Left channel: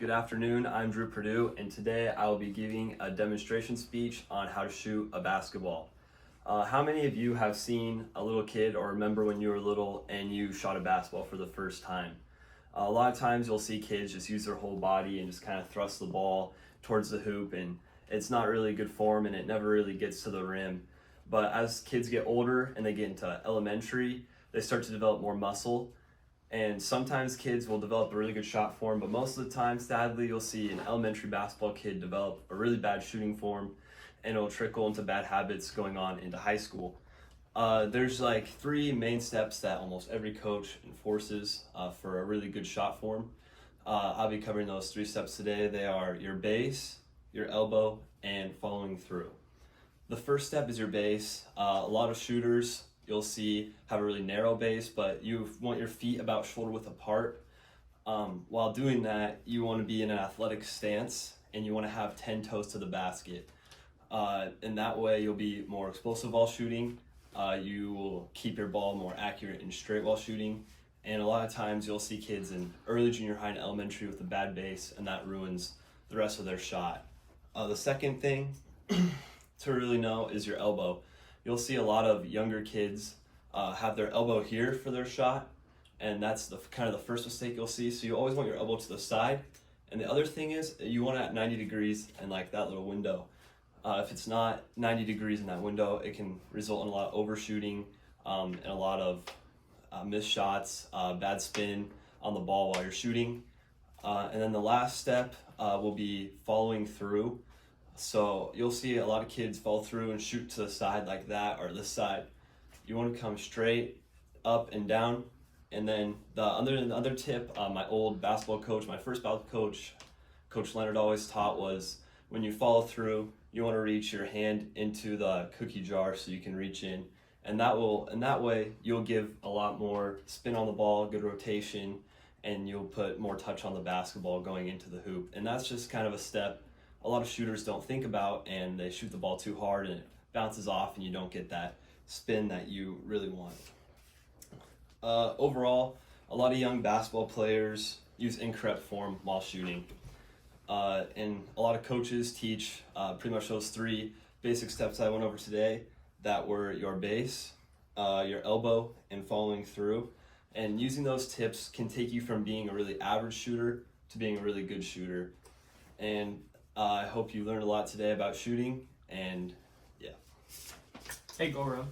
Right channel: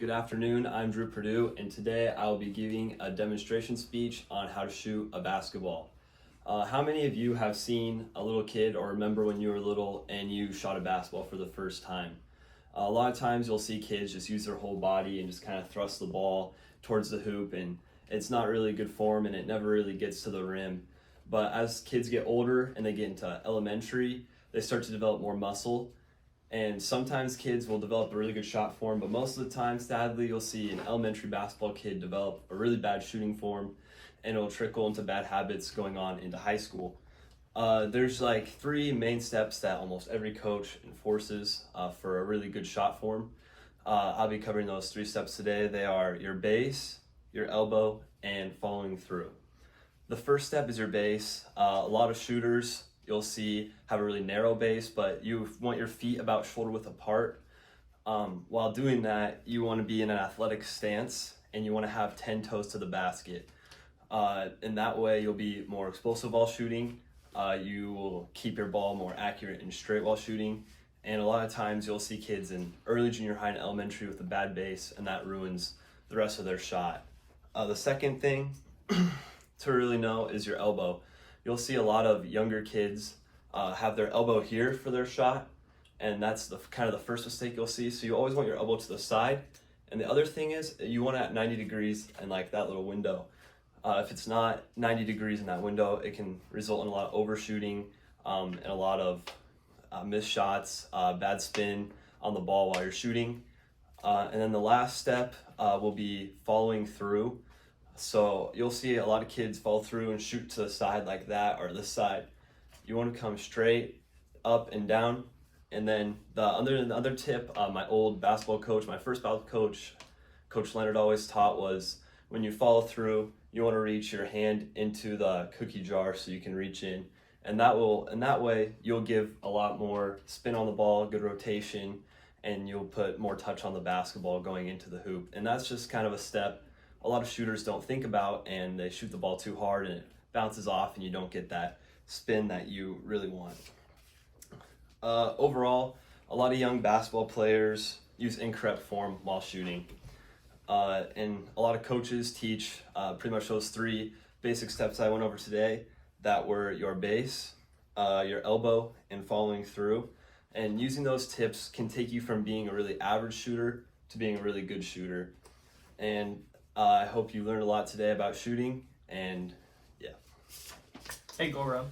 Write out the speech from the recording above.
Good afternoon, I'm Drew Purdue, and today I will be giving a demonstration speech on how to shoot a basketball. How many of you have seen a little kid or remember when you were little and you shot a basketball for the first time? A lot of times you'll see kids just use their whole body and just kind of thrust the ball towards the hoop, and it's not really good form and it never really gets to the rim. But as kids get older and they get into elementary, they start to develop more muscle. And sometimes kids will develop a really good shot form, but most of the time, sadly, you'll see an elementary basketball kid develop a really bad shooting form, and it'll trickle into bad habits going on into high school. There's like three main steps that almost every coach enforces for a really good shot form. I'll be covering those three steps today. They are your base, your elbow, and following through. The first step is your base. A lot of shooters you'll see have a really narrow base, but you want your feet about shoulder width apart. While doing that, you want to be in an athletic stance and you want to have 10 toes to the basket. In that way, you'll be more explosive while shooting. You will keep your ball more accurate and straight while shooting. And a lot of times you'll see kids in early junior high and elementary with a bad base, and that ruins the rest of their shot. The second thing to really know is your elbow. You'll see a lot of younger kids have their elbow here for their shot, and that's the kind of the first mistake you'll see. So you always want your elbow to the side. And the other thing is you want it at 90 degrees and like that little window. If it's not 90 degrees in that window, it can result in a lot of overshooting and a lot of missed shots, bad spin on the ball while you're shooting. And then the last step will be following through. So you'll see a lot of kids fall through and shoot to the side like that or this side. You want to come straight up and down. And then the other tip, my old basketball coach, my first basketball coach, Coach Leonard always taught was when you follow through, you want to reach your hand into the cookie jar so you can reach in. And that way you'll give a lot more spin on the ball, good rotation, and you'll put more touch on the basketball going into the hoop. And that's just kind of a step a lot of shooters don't think about, and they shoot the ball too hard and it bounces off and you don't get that spin that you really want. Overall, a lot of young basketball players use incorrect form while shooting. And a lot of coaches teach pretty much those three basic steps I went over today that were your base, your elbow, and following through. And using those tips can take you from being a really average shooter to being a really good shooter. And I hope you learned a lot today about shooting, and yeah. Hey, go Rob.